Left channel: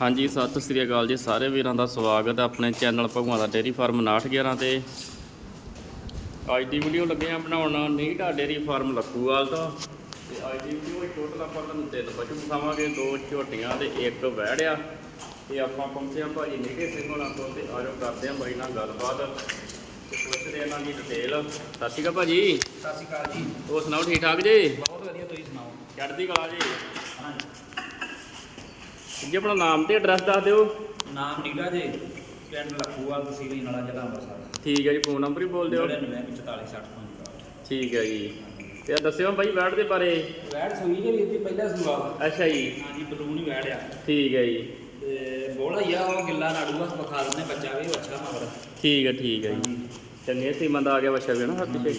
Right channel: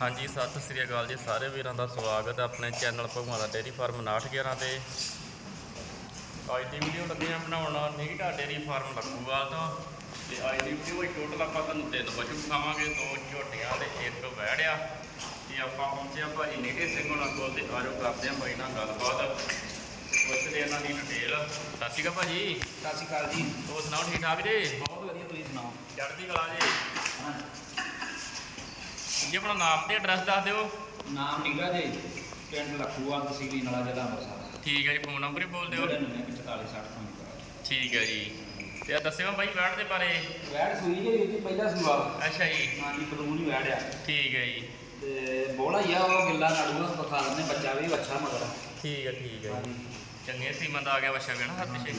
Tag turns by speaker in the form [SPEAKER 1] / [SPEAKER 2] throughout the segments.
[SPEAKER 1] ਹਾਂਜੀ ਸਤਿ ਸ੍ਰੀ ਅਕਾਲ ਜੀ ਸਾਰੇ ਵੀਰਾਂ ਦਾ ਸਵਾਗਤ ਹੈ ਆਪਣੇ ਚੈਨਲ ਭਗਵਾਨ ਦਾ ਡੇਰੀ ਫਾਰਮ 911 ਤੇ। ਅੱਜ ਦੀ ਵੀਡੀਓ ਲੱਗੇ ਆ ਬਣਾਉਣ ਨੀਟਾ ਡੇਰੀ ਫਾਰਮ ਲੱਖੂਵਾਲ ਤੋਂ ਤੇ ਅੱਜ ਦੀ ਵੀਡੀਓ ਵਿੱਚ ਟੋਟਲ ਆਪਾਂ ਤੁਹਾਨੂੰ ਤਿੰਨ ਪਸ਼ੂ ਵਿਖਾਵਾਂਗੇ ਦੋ ਝੋਟੀਆਂ ਤੇ ਇੱਕ ਵਹਿੜ ਆ। ਤੇ ਆਪਾਂ ਪਹੁੰਚੇ ਆ ਭਾਜੀ ਨੀਟੇ ਸਿੰਘ ਹੋਣਾ ਕੋਲ ਤੇ ਆਜੋ ਕਰਦੇ ਆ ਬਾਈ ਨਾਲ ਗੱਲਬਾਤ। ਤੇ ਪੁੱਛਦੇ ਇਹਨਾਂ ਦੀ ਡਿਟੇਲ ਸਤਿ ਸ਼੍ਰੀ ਅਕਾਲ ਭਾਜੀ।
[SPEAKER 2] ਸਤਿ ਸ਼੍ਰੀ ਅਕਾਲ ਜੀ।
[SPEAKER 1] ਹੋਰ ਸੁਣਾਓ ਠੀਕ ਠਾਕ ਜੀ?
[SPEAKER 2] ਬਹੁਤ ਵਧੀਆ ਤੁਸੀਂ ਸੁਣਾਓ?
[SPEAKER 1] ਚੜ੍ਹਦੀ ਕਲਾ ਜੀ?
[SPEAKER 2] ਹਾਂਜੀ।
[SPEAKER 1] ਜੀ ਆਪਣਾ ਨਾਮ ਤੇ ਐਡਰੈਸ ਦੱਸ ਦਿਓ।
[SPEAKER 2] ਨਾਮ ਨੀਗਾ ਜੀ ਪਿੰਡ ਲੱਖੂਵਾਲ ਤਹਿਸੀਲ ਨਾਲਾ ਜ਼ਿਲ੍ਹਾ ਅੰਮ੍ਰਿਤਸਰ।
[SPEAKER 1] ਠੀਕ ਹੈ ਜੀ ਫੋਨ ਨੰਬਰ ਹੀ ਬੋਲ ਦਿਓ।
[SPEAKER 2] 994460
[SPEAKER 1] ਠੀਕ ਹੈ ਜੀ। ਤੇ ਆਹ ਦੱਸਿਓ ਬਾਈ ਵੈੜ ਦੇ ਬਾਰੇ।
[SPEAKER 2] ਵੈੜ ਸੂਈ ਜੇ ਵੀਰ ਜੀ ਪਹਿਲਾ ਸੂਆ।
[SPEAKER 1] ਅੱਛਾ ਜੀ।
[SPEAKER 2] ਹਾਂਜੀ ਬਲੂਨ ਹੀ ਵੈੜ ਆ।
[SPEAKER 1] ਠੀਕ ਹੈ ਜੀ।
[SPEAKER 2] ਤੇ ਬੋਲਾ ਹੀ ਆ ਉਹ ਗਿੱਲਾ ਨਾੜੂਗਾ ਵਿਖਾ ਦਿੰਦੇ ਬੱਚਾ ਵੀ ਅੱਛਾ ਮਗਰ।
[SPEAKER 1] ਠੀਕ ਹੈ ਠੀਕ ਹੈ ਜੀ। ਚੰਗੇ ਸੀਮੰਦ ਆ ਗਿਆ ਵਛਾ ਵੀ ਨਾ ਹੱਥ 'ਚ।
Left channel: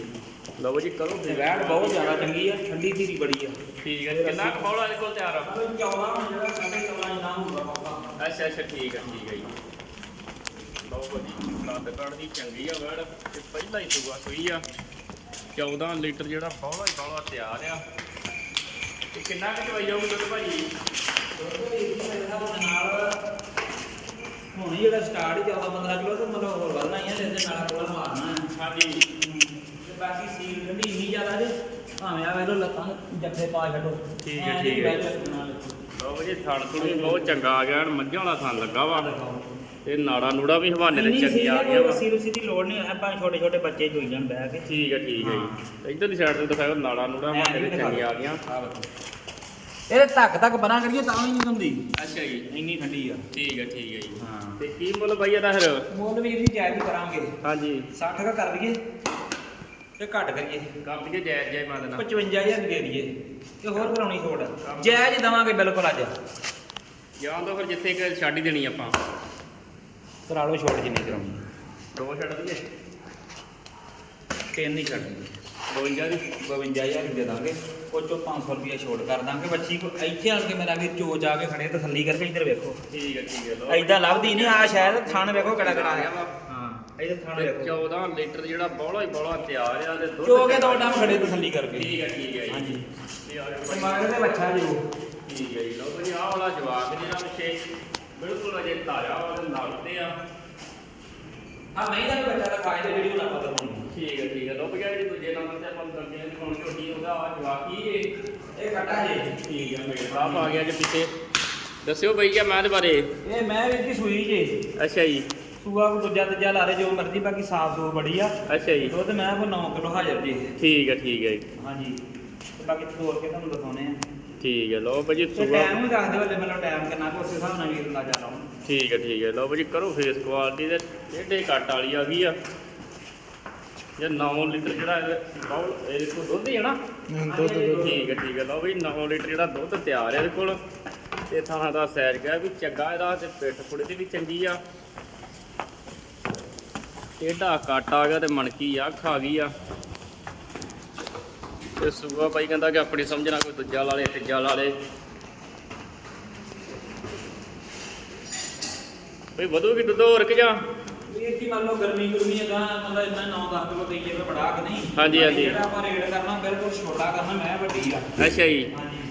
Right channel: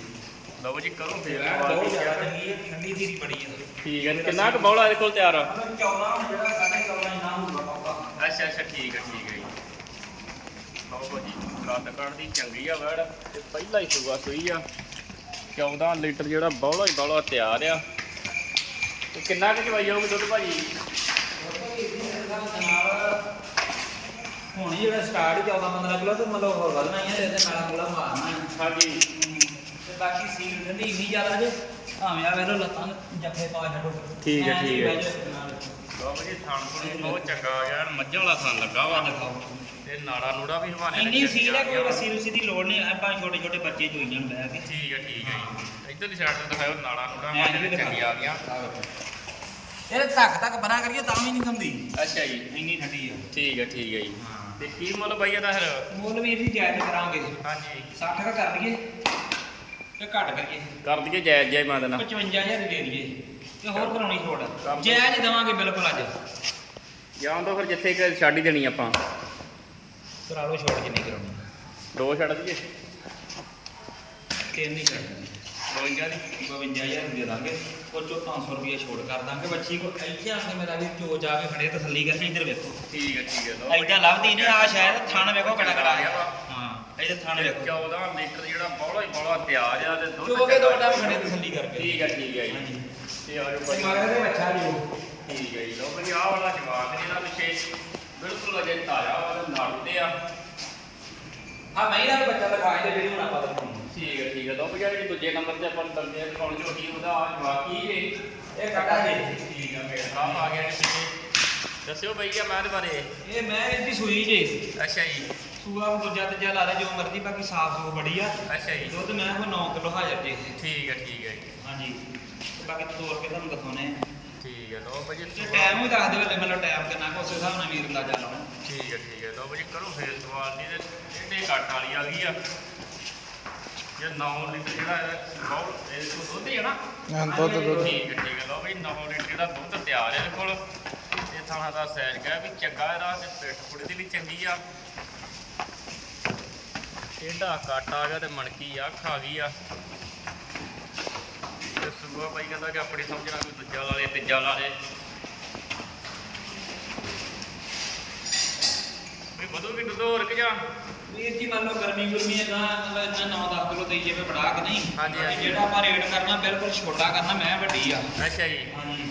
[SPEAKER 1] ਲਓ ਜੀ ਕਰੋ ਫਿਰ
[SPEAKER 2] ਵੈੜ ਬਹੁਤ ਜ਼ਿਆਦਾ ਚੰਗੀ ਆ ਠੰਡੀ ਧੀਰੀ ਬੜੀ ਆ।
[SPEAKER 1] ਠੀਕ ਹੈ ਕਿੰਨਾ ਕੁ ਬੌਲਾ ਇਹਦੇ ਕੋਲ ਤਿਆਰ ਆ?
[SPEAKER 2] ਮਤਲਬ 14 ਹੁਣ ਜਿਹੜਾ ਸਾਡੇ ਕਵਰਾਂ ਨਾ ਹੁੰਦਾ ਪੱਕਾ
[SPEAKER 1] ਅੱਛਾ ਅੱਛਾ ਠੀਕ ਹੈ ਠੀਕ ਹੈ ਜੀ। ਲਓ ਜੀ ਕੱਦ ਕੱਢ ਦੀ ਚੰਗੀ ਆ ਵੈੜ। ਤੇ ਪਹਿਲਾ ਹੀ ਸੂਆ ਸੂਈ ਆ। 14 ਲੀਟਰ ਜਿਹੜਾ ਬੌਲਾ ਹੀ ਬੌਲਾ ਤਿਆਰ ਆ। ਤੇ ਕਿੰਨਾ ਕੁ ਚਵਾਈ ਜਾਊਗਾ ਦੁੱਧ ਭਾਜੀ
[SPEAKER 2] ਹੁਣ ਜਿਹੜਾ ਸਟਾਰਟ ਹੀ 14 15 ਕਿਲੋ ਤੇ ਮਤਲਬ ਵਧਣਾ ਹੀ ਹੈ ਇਹਦੇ ਨਾਲ ਕੋਲਾ ਮਾਰਨਾ ਹੈ।
[SPEAKER 1] ਹਾਂਜੀ
[SPEAKER 2] ਤੇ ਬਾਕੀ ਸੀਲ ਠੰਡੀ ਇੰਨੀ ਜ਼ਿਆਦਾ ਜੇ ਭਾਵੇਂ ਆ ਵੇਰੋ ਲੱਤਾਂ ਨੂੰ ਜੱਫੇ ਪਾ ਛੱਡੋ।
[SPEAKER 1] ਠੀਕ ਹੈ, ਠੀਕ ਹੈ। ਲਓ ਜੀ ਥਣ ਥੁਣੀ ਬਹੁਤ ਚੰਗਾ ਆ ਗਿਆ ਐਨ ਮੱਝਾਂ ਵਾਲਾ ਥਣ ਲੱਗਾ ਵਾ। ਤੇ ਨਾੜਾ ਨੂੜਾ ਵੀ ਹਵਾਨੇ
[SPEAKER 2] ਇੰਨੀ
[SPEAKER 1] ਚੰਗੇ
[SPEAKER 2] ਸੀਲ
[SPEAKER 1] ਆ
[SPEAKER 2] ਕੋਈ
[SPEAKER 1] ਵਾ।
[SPEAKER 2] ਰੱਸੀ ਰੁੱਸੀ ਦੀ ਲੋੜ ਨਹੀਂ ਆਪਾਂ ਛੋਟੇ ਛੋਟੇ ਬੱਚੇ ਜੋਈ ਜਾਣ ਬਹਿ ਕੇ।
[SPEAKER 1] ਠੀਕ ਹੈ ਠੀਕ ਹੈ ਜੀ। ਇਧਰਲੀ ਸਾਈਡ ਤੇ ਦਿਖਾਓ ਨਾੜਾ ਨੂੜਾ
[SPEAKER 2] ਐਂ ਨੀ
[SPEAKER 1] ਹਵਾਨੇ
[SPEAKER 2] ਦਿਖਾ।
[SPEAKER 1] ਚੰਗੇ ਆ ਗਿਆ
[SPEAKER 2] ਇਹਦੇ ਧੱਕ ਧੱਕ ਬਣਾ ਕਰੀਏ ਤਾਂ ਵੀ ਨਹੀਂ ਹੁੰਦੀ।
[SPEAKER 1] ਅੱਛਾ ਜੀ।
[SPEAKER 2] ਇੰਨੀ ਠੰਡੀ ਆ।
[SPEAKER 1] ਠੀਕ ਹੈ ਠੀਕ ਹੈ ਜੀ।
[SPEAKER 2] ਹਾਂ।
[SPEAKER 1] ਤੇ ਕੀ ਮੁੱਲ ਬਾਈ ਇਹਦਾ ਫਿਰ?
[SPEAKER 2] ਮੁੱਲ ਵੀ ਇਹਦੀ ਜਾਇਜ਼ ਕਰਾਂਗੇ।
[SPEAKER 1] ਹਾਂਜੀ।
[SPEAKER 2] 60 ਦਾ ਕਰ ਦਈਏ ਤੇ ਘੱਟ ਕਰੀਏ।
[SPEAKER 1] ਕਰ ਦਈਏ ਜਾਇਜ਼ ਜਾਇਜ਼ ਮੈਂ ਦੇਣਾ
[SPEAKER 2] 55000 ਦੇ ਦਈਏ। ਤੇ ਹੋਰ ਕਰਾਉਣੀ ਛੋੜ ਜਾਇਜ਼ ਦਵਾਂਗੇ ਬਿਲਕੁਲ ਅੱਜ।
[SPEAKER 1] ਜਾਂ ਤਾਂ ਫਿਰ ਜਿੱਥੇ ਕਿ ਛੱਡ ਹੀ ਦੇਣੀ ਆਪਾਂ।
[SPEAKER 2] ਕਰਾ ਲਓ ਛੋੜ ਜਿੰਨੀ ਕਰਾਉਣੀ
[SPEAKER 1] ਦੋ ਛੱਡ ਦਈਏ।
[SPEAKER 2] ਤਿੰਨ ਹੀ ਛੱਡਣੀ
[SPEAKER 1] 52 ਦੀ।
[SPEAKER 2] 52000 ਦੇ ਦਾਂਗੇ। ਉਹ ਚੋਂ 500 ਰੁਪਏ ਛੋੜ ਕਰ ਦਾਂਗੇ। ਬੱਚੀ ਕੋ ਇੱਥੇ ਆਣ ਕੇ ਮੇਰਾ ਵੀਰ ਜੋ ਜਾ ਕੇ ਖੜੇ ਤਸੱਲੀ ਕਰਕੇ ਇੱਧਰ ਵੇਖੋ।
[SPEAKER 1] ਠੀਕ ਹੈ ਠੀਕ ਹੈ ਲਓ।
[SPEAKER 2] ਐਦਾਂ ਲੱਭਦੀ ਨਹੀਂ ਆ ਸ਼ਾਇਦ ਥਣ ਵੇਖੋ ਕਿਹੜਾ
[SPEAKER 1] ਆ ਗਿਆ
[SPEAKER 2] ਇਹਦੇ ਥਣ
[SPEAKER 1] ਤੇ
[SPEAKER 2] ਵੇਖੋ
[SPEAKER 1] 14 ਲੀਟਰ ਜਿਹੜਾ ਬੌਲਾ ਹੀ ਬੌਲਾ ਤਿਆਰ ਆ ਤੇ ਦੁੱਧ
[SPEAKER 2] ਚੋ ਕੇ ਦੋ। ਟਾਈਮ ਖੜੇ ਤਸੱਲੀ ਕਰਕੇ
[SPEAKER 1] ਠੀਕ ਹੈ ਠੀਕ ਹੈ ਜੀ।
[SPEAKER 2] ਹਾਂਜੀ।
[SPEAKER 1] ਤੇ ਆ ਜਾਓ
[SPEAKER 2] ਤੇ। ਮਗਰ ਦੇ ਬੱਚਾ ਜੀ ਉਹ
[SPEAKER 1] ਠੀਕ ਹੈ ਜੀ ਉਹ ਬਈ ਆਹ ਵਾਲਾ ਜਵਾਬ ਜਿਹੜਾ ਪਿੱਛੇ। ਬਿਲਕੁਲ ਅਜੇ ਤਾਜ਼ਾ ਵਾ ਤੇ ਨੜ ਤੇ ਆ।
[SPEAKER 2] ਆ ਮੈਂ ਇਹਦਾ ਬੱਚਾ ਦਿਖਾਏ ਤੇ ਵੀਡੀਓ ਨਾ ਪਤਾ
[SPEAKER 1] ਠੀਕ ਹੈ ਠੀਕ ਹੈ ਲੋ ਵੀ ਜੀ ਦੂਜੇ ਨੰਬਰ ਤੇ ਆਪਾਂ ਨੂੰ ਕਰਦੇ ਹਾਂ ਕੌਣ ਛੋਟੀ ਉਹਦਾ ਆ ਜਵਾਬ ਕੀ ਏ?
[SPEAKER 2] ਇਹ ਕੱਟਾ ਜੀ।
[SPEAKER 1] ਠੀਕ ਆ ਮੇਰੇ ਸਾਹ ਆ ਗਿਆ ਕਿ ਪਿੱਛੇ। ਦੱਸਿਓ ਬਈ ਕਿ ਮੈਂ ਦੇ ਬਾਰੇ।
[SPEAKER 2] ਇਹ ਮੈਂ ਵੀਰ ਦੀ ਸੂਈ ਜੀ।
[SPEAKER 1] ਅੱਛਾ ਜੀ।
[SPEAKER 2] ਸੂਆ ਦੂਜਾ ਤੀਜਾ ਲਾ ਲੈ ਜੋ ਮਰਜ਼ੀ ਬਾਕੀ ਸਾਫ਼ ਸੂਫ ਬੜੀ ਆ।
[SPEAKER 1] ਅੱਛਾ ਜੀ।
[SPEAKER 2] ਦੁੱਧ ਮੈਂ ਕੋ 9 ਕਿਲੋ ਹਾਜ਼ਰ ਜੀ
[SPEAKER 1] ਠੀਕ ਹੈ ਠੀਕ ਹੈ ਜੀ।
[SPEAKER 2] ਹਾਂਜੀ। ਤੇ ਬਾਕੀ ਤੋੜ ਕੇ ਤੁਹਾਨੂੰ ਦਿਖਾਉਣੇ ਆ
[SPEAKER 1] ਠੀਕ ਹੈ ਲੋ ਬਈ
[SPEAKER 2] ਤੇ ਟਾਈਮ ਵੀ ਦੱਸ ਦਿਓ ਮਤਲਬ ਟਾਈਮ ਕਿੰਨਾ ਕੁ ਉਸ ਹਿਸਾਬ ਨਾਲ ਵੀਰ ਅੰਦਾਜ਼ਾ ਲਾਉਣਾ
[SPEAKER 1] ਠੀਕ ਹੈ ਠੀਕ ਹੈ ਲੋ ਬਈ ਕਰੋ ਫੇਸ ਕੁਆਲਿਟੀ ਦੇ ਇਹਦੇ ਕੱਟ ਵਾਲੀ ਆ ਗਈ ਆ। ਇਹ 9 ਲੀਟਰ ਜਿਹੜਾ ਇਹ ਬਾਉਲ ਇਹਦੇ ਕੋਲ ਦੁੱਧ ਹੀ ਹੈ ਨਾ।
[SPEAKER 3] ਹਾਂ ਦੁੱਧ ਦੁੱਧ।
[SPEAKER 1] ਠੀਕ ਹੈ ਠੀਕ ਹੈ ਲਓ ਵੀ 9 ਲੀਟਰ ਜਿਹੜਾ ਦੁੱਧ ਤਿਆਰ ਹੈ ਇਹਦੇ ਕੋਲ। ਇਹ ਥਾਣਾ ਦਾ ਸੈਰ ਗਿਆ ਵੀ ਚੰਗਾ ਇਹਦਾ ਤੇ ਪਿੱਠ ਪੁੜੇ ਦੀ ਵੀ ਚੰਗੀ ਆ। ਟੇਢਾ ਕੱਟ ਆ ਗਿਆ ਤੇ ਮਣਕੀ ਆ ਗਈ ਆ। ਤੇ ਸੂਆ ਭਾਈ ਕਹਿੰਦਾ ਕਿ ਆਪਣੀ ਸਮਝ ਨਾਲ ਕੋਈ ਦੂਜਾ ਲਾ ਲੇ ਤੀਜਾ ਲਾ ਲੇ। ਕੋਈ ਵਧੂਗੀ ਦੁੱਧ ਹੋਰ ਕਿ ਜਾਂ?
[SPEAKER 2] ਵੀਰ ਜੀ ਮੰਨ ਲਓ ਗਰਮੀ ਗੁਰਮੀ ਹੈਗਾ ਮਤਲਬ ਇੰਨਾ 9-10 ਕਿਲੋ ਦਈਏ ਮੈਂ ਬੜਾ ਕਿ ਨਹੀਂ।
[SPEAKER 1] ਹਾਂਜੀ, ਹਾਂਜੀ।
[SPEAKER 2] ਜਿਹੜਾ ਆਪਾਂ ਰੇਟ ਕਰਨਾ ਬਿਲਕੁਲ ਛੋਟਾ ਕਰਨਾ ਮੈਂ ਵੱਡੀ ਆ।
[SPEAKER 1] ਅੱਛਾ ਜੀ।
[SPEAKER 2] ਹਾਂਜੀ।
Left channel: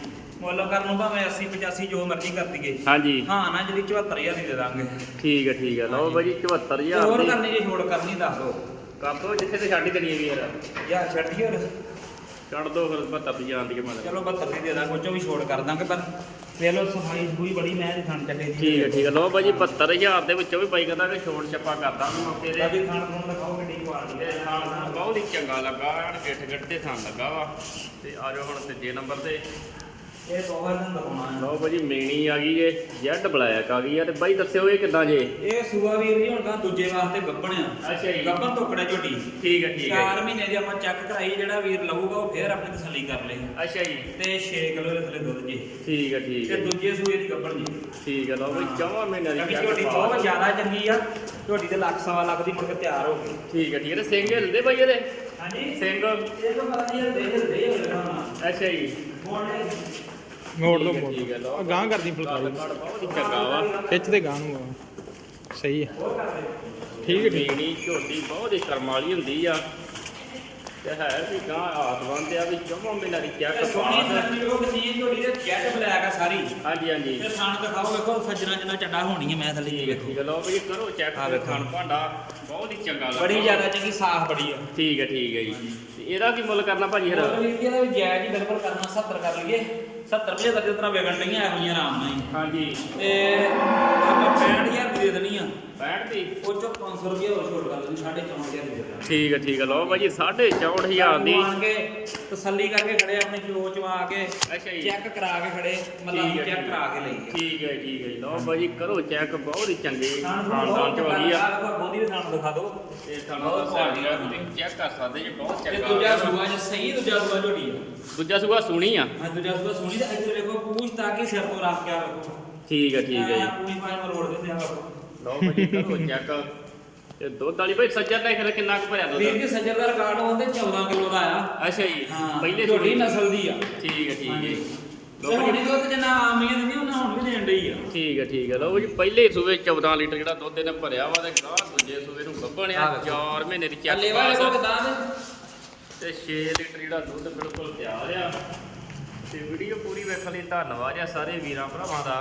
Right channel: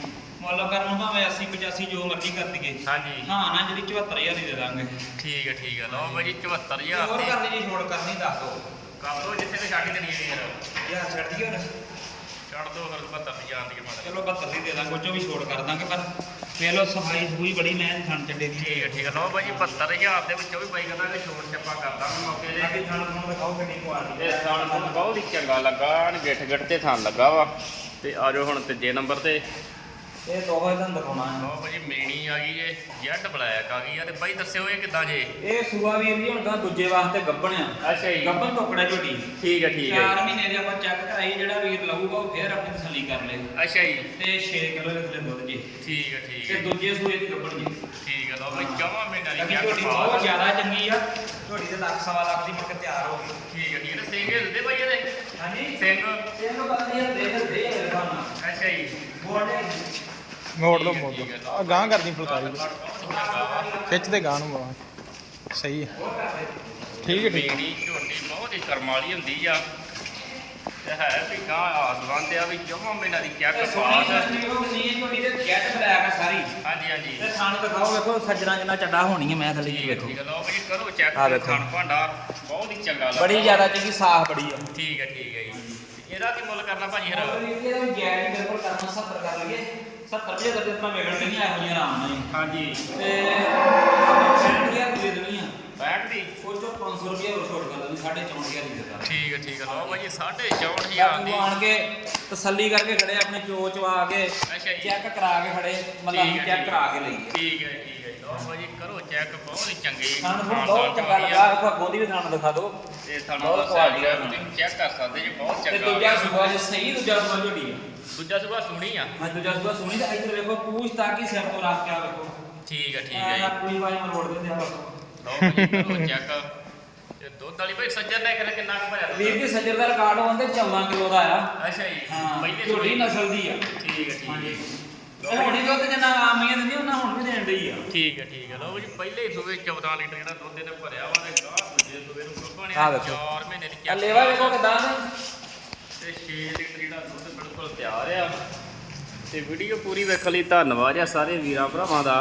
[SPEAKER 2] ਮੁੱਲ ਕਰਨ ਨੂੰ ਭਾਵੇਂ 80 85 ਜੋ ਮਰਜ਼ੀ ਕਰ ਦਈਏ।
[SPEAKER 1] ਹਾਂਜੀ।
[SPEAKER 2] ਹਾਂ ਨਾ ਜਿਹੜੀ 74000 ਦੀ ਦੇ ਦਾਂਗੇ।
[SPEAKER 1] ਠੀਕ ਹੈ ਠੀਕ ਹੈ ਲਓ ਭਾਜੀ 74000
[SPEAKER 2] ਹੋਰ
[SPEAKER 1] ਦੀ।
[SPEAKER 2] ਕਰਨੀ ਜੇ ਛੋੜ ਕਰਨੀ ਦੱਸ ਦਿਓ
[SPEAKER 1] ਕਰ ਦੋ ਜਿੱਥੇ ਤੇ ਛੱਡ ਹੀ ਦੇਣੀ ਹੈ ਵੀ ਯਾਰ।
[SPEAKER 2] ਯਾਰ ਛੱਡ ਹੋਰ।
[SPEAKER 1] ਛੱਡ ਦੋ ਫਿਰ 72 ਦੀ ਮਾੜਾ।
[SPEAKER 2] ਚਲੋ 72 ਦੀ ਦੇ ਦਾਂਗੇ ਚੋਂ ਵੀ ਛੋੜ ਕਰ ਦਾਂਗੇ ਪਰ ਵੇਖ ਲਓ ਸਫ਼ਾਈ ਸਫੂਈ ਬੜੀ ਮੈਂ ਦੀ ਖਾਣ ਚੱਲੇ ਦੀ।
[SPEAKER 1] ਠੀਕ ਹੈ ਠੀਕ ਹੈ ਲਓ ਭਾਜੀ 72000 ਦੇ ਵਿੱਚੋਂ ਵੀ ਬਾਈ ਕਹਿੰਦਾ ਕਿ ਛੋੜ ਛੱਪਾ ਕਰ ਦਾਂਗੇ ਮੌਕੇ ਦੇ
[SPEAKER 2] ਬਾਕੀ ਖਾਣ ਖਾਣ ਦਿਖਾਓ ਕਿੰਨੀ ਕੁਆਲਿਟੀ
[SPEAKER 1] ਤੇ ਸਾਲ ਸਾਨੂੰ ਬਹੁਤ ਹੀ ਚੰਗਾ ਲੱਗਾ ਗਿੱਠ ਗਿੱਠ ਤੇ ਥਾਂ ਲੱਗਾ ਵਾ। ਤੇ ਆ ਜਾਓ ਹੁਣ ਤੀਜੇ ਨੰਬਰ ਤੇ।
[SPEAKER 2] ਇਹ ਦੋਹਾਂ ਤੁਹਾਨੂੰ ਦਿਖਾਉਣਾ। ਹੈ
[SPEAKER 1] ਲਓ ਭਾਜੀ ਮੇਣੀ ਆ ਗਈ ਜੇ ਜੈਡ ਬਲੈਕ ਆ ਗਈ ਆ ਤੇ ਬਾਈ ਦੱਸਿਓ ਇਹ ਕਿੱਦਾਂ ਜੇ?
[SPEAKER 2] ਇਹ ਸੂਆ ਵੀਰ ਹੁਣ ਤਾਂ ਦੂਜੇ ਵਾਸਤੇ ਗੱਬਣ ਆ।
[SPEAKER 1] ਅੱਛਾ ਜੀ।
[SPEAKER 2] ਗੱਬਣ ਟੋਕੜਾ ਝੋਟੀ
[SPEAKER 1] ਠੀਕ ਹੈ ਠੀਕ ਹੈ
[SPEAKER 2] 4 ਮਹੀਨੇ ਦੀ ਆਪਾਂ ਚੈੱਕ ਕਰਾਈ ਜਿਹੜਾ ਵੀਰ ਲਊਗਾ ਉਹ ਫੇਰ ਆਪਣੀ ਤਸੱਲੀ ਕਰ ਲੇ।
[SPEAKER 1] ਅੱਛਾ ਜੀ।
[SPEAKER 2] ਤੇ 6 ਕਿਲੋ ਦੇ ਥੱਲੇ ਦੁੱਧ ਜੀ।
[SPEAKER 1] ਠੀਕ ਹੈ ਠੀਕ
[SPEAKER 2] ਤੇ
[SPEAKER 1] ਹੈ
[SPEAKER 2] ਦੂਜੇ ਸੂਏ ਦੀ ਗੱਬਣ ਜੀ।
[SPEAKER 1] ਠੀਕ ਹੈ ਲਓ ਭਾਈ ਚੌਵਾਂ ਮਹੀਨਿਆਂ ਦੀ ਚੈੱਕ
[SPEAKER 2] ਝੋਟੀ ਬਹੁਤ ਜ਼ਿਆਦਾ ਚੰਗੀ ਆ। ਝੋਟੀ ਦੇ ਲੱਖ ਸਵਾ ਲੱਖ ਦੀ ਕੇ ਤਿਆਰ ਹੋ ਗਈ।
[SPEAKER 1] ਠੀਕ ਹੈ ਠੀਕ ਹੈ ਤੇ ਸਿੰਘ ਹਿਲਦੇ ਭਾਈ ਇਹਦੇ?
[SPEAKER 2] ਹਾਂਜੀ।
[SPEAKER 1] ਸਿੰਘ
[SPEAKER 2] ਤਾਂ ਪਤਾ ਨਹੀਂ ਦੇ ਦੇ ਦੇ ਮੇਰੇ
[SPEAKER 1] ਅੱਛਾ ਜੀ।
[SPEAKER 2] ਬੋਲਦੇ
[SPEAKER 3] ਮੋੜ
[SPEAKER 1] ਹੈ,
[SPEAKER 3] ਮੋੜ
[SPEAKER 1] ਹੈ,
[SPEAKER 3] ਦੋ ਆ ਗਾਂ ਕਰਦੀ ਫੁਲਕਾਰੀ।
[SPEAKER 1] ਹੀ ਵਾ
[SPEAKER 3] ਖਿੱਚ ਦੇ ਗਾਂ ਨੂੰ ਆ। ਸਹੀ ਹੈ। ਠੀਕ ਹੈ ਠੀਕ ਹੈ।
[SPEAKER 1] ਝੋਟੀ ਬਹੁਤ ਹੀ ਕਰਮ ਵਾਲੀ ਹੁੰਦੀ ਆ। ਤੇ ਹੈ ਵੀ ਗਾਂ ਆਦਵੰਦ ਆ ਵੀ ਜਮਾਂ ਮੇਲਾ ਦੀ ਚੈੱਕ ਪਾਸ
[SPEAKER 2] ਵੇਖੋ ਕਿੰਨੀ ਝੋਟੀ ਤੇ ਜੈਟ ਬਲੈਕ ਆ ਸਾਰੀ।
[SPEAKER 1] ਹਾਂਜੀ ਹਾਂਜੀ।
[SPEAKER 2] ਤੇ ਥਣ ਦਿਖਾਓ ਵੇਖੋ ਸੱਜਣਾ ਜਿੰਨਾ ਚੱਡਾ ਹੋਣੀ ਹੈ ਮੈਂ ਥੱਲੇ
[SPEAKER 1] ਠੀਕ ਹੈ ਠੀਕ ਹੈ। ਲਓ ਭਾਜੀ ਕਰੋ ਚੈੱਕ
[SPEAKER 2] ਵੇਖੋ।
[SPEAKER 1] ਖਾਣ ਭਾਂਡਾ। ਬਹੁਤ ਹੀ ਚੰਗਾ ਲੱਗਾ
[SPEAKER 2] ਬੜੀ ਜ਼ਿਆਦਾ ਚੰਗੀ ਸਾਫ਼ ਬੜੀ ਆ।
[SPEAKER 1] ਠੀਕ ਹੈ ਠੀਕ ਹੈ ਜੀ। ਇਹਦਾ ਕੀ ਮੁੱਲ ਕਰਨਾ ਭਾਜੀ
[SPEAKER 2] ਹਰ ਮੁੱਲ ਜੀ ਇਹਦਾ ਵੀ ਜਾਇਜ਼ ਹੀ ਬਿਲਕੁਲ ਕਰਨਾ 70 ਕਰ ਲਈਏ। 70 75 ਕਰਦੇ ਤਰ੍ਹਾਂ ਵਿਗੜ ਨਹੀਂ ਆਇਆ ਹੋਈਆਂ ਆਰਾਮ ਨਾਲ ਜੀ
[SPEAKER 1] ਹਾਂਜੀ।
[SPEAKER 2] ਤੇ ਆਪਾਂ 65 ਗਿਆ
[SPEAKER 1] ਠੀਕ ਹੈ ਠੀਕ ਹੈ। ਲਓ ਭਾਜੀ 64000 ਦੀ।
[SPEAKER 2] ਆਣ ਕੇ ਤਸੱਲੀ ਕਰਕੇ ਖੜੇ ਆਪਣੇ ਜੋ ਆ ਕੇ ਚੈੱਕ ਕਰਾ ਕੇ ਖੜੇ ਮਤਲਬ ਚੈੱਕ ਕਰਾ ਕੇ ਲਈ।
[SPEAKER 1] ਠੀਕ ਹੈ ਠੀਕ ਹੈ। ਲਓ ਭਾਜੀ ਕਰੋ ਚੈੱਕ ਬਹੁਤ ਹੀ ਚੰਗੇ ਖਾਨਦਾਨ ਚੋਂ ਆਈ
[SPEAKER 2] ਆ ਅੱਗੋਂ ਦੀ ਵੀ ਥਾਣਾ ਦਿਖਾ ਦਿਓ।
[SPEAKER 1] ਤੇ
[SPEAKER 2] ਥਾਣਾ
[SPEAKER 1] ਦਾ
[SPEAKER 2] ਸਾਰੀ
[SPEAKER 1] ਦਾ ਚੈੱਕ ਕਰ ਸਕਦੇ ਜੀ ਬਹੁਤ ਚੰਗਾ।
[SPEAKER 2] ਦੂਜਾ ਸੁਭਾ ਜੀ ਸਹੀ ਦੂਜਾ ਸੁਭਾ ਝੋੜੀ
[SPEAKER 1] ਦੂਜਾ ਸੁਭਾ ਸੁਣੀ ਆ।
[SPEAKER 2] ਹਾਂ ਦੂਜਾ ਸੁਭਾ ਸੁਣੀ ਤੇ ਇੱਥੇ ਦੇਖੋ ਪੂਛ ਤਾਂ ਕਿ ਸਿਰ ਤੋਂ ਰੱਖ ਕੇ ਆ ਵੇਖੋ।
[SPEAKER 1] ਠੀਕ ਹੈ ਠੀਕ ਹੈ ਜੀ।
[SPEAKER 2] ਆਪਣੀ ਪਾਣੀ ਰੋਡ ਤੇ ਆ ਵੇਖੋ
[SPEAKER 1] ਲਓ ਭਾਜੀ ਕਰੋ ਚੈੱਕ ਤੇ ਦੁੱਧ ਵਾਲੀ ਭਾਈ ਸੱਜਾ ਲੈ ਕੇ ਕਿੰਨਾ ਕੁ ਭਰਿਆ
[SPEAKER 2] ਵੀਰ
[SPEAKER 1] ਦੁੱਧ
[SPEAKER 2] ਦੀ ਸੱਜਰ ਦਾ ਰਿਕਾਰਡ ਹੁੰਦੇ 14 ਕਿਲੋ ਦਾ ਆ।
[SPEAKER 1] ਅੱਛਾ ਜੀ
[SPEAKER 2] ਹਾਂ
[SPEAKER 1] ਪਹਿਲੇ
[SPEAKER 2] ਝੋਟੀ
[SPEAKER 1] ਸੂਈ।
[SPEAKER 2] ਨਸਲ ਦੀ ਆ।
[SPEAKER 1] ਠੀਕ ਹੈ ਠੀਕ
[SPEAKER 2] ਹਾਂਜੀ।
[SPEAKER 1] ਹੈ
[SPEAKER 2] ਤੇ ਹੁਣ ਹੀ ਦੁੱਧ ਜਿੰਨਾ ਆਮੀਆਂ ਦਿੰਦੀ ਉਹਨਾਂ ਹੁਣ ਵੀ ਦੇਣ ਡਈ ਆ।
[SPEAKER 1] ਠੀਕ ਹੈ ਠੀਕ ਹੈ ਲਓ ਜੀ ਪਹਿਲੇ ਸੂਏ 14 ਲੀਟਰ ਜਿਹੜਾ ਦੁੱਧ ਇਹਨੇ ਭਰਿਆ ਵਾ ਤੇ ਗਾਹ ਦੂਜੇ ਸੂਏ ਨੂੰ ਗੱਭਣਿਆ
[SPEAKER 2] ਆਹ ਵੇਖੋ।
[SPEAKER 1] 4 ਮਹੀਨੇ ਦੀ ਚੈੱਕ
[SPEAKER 2] ਲੈਵਾ ਵੇਖੋ ਕਿਦਾਂ
[SPEAKER 1] ਤੇ 6 ਲੀਟਰ ਜਿਹੜਾ ਦੁੱਧ ਬਿਲਕੁਲ ਤਿਆਰ ਆ। ਤੇ ਵੀਡੀਓ ਪੂਰੀ ਵੇਖਣ ਲਈ ਧੰਨਵਾਦ ਆ ਸਾਰੇ ਵੀਰਾਂ ਭਰਾਵਾਂ ਦਾ।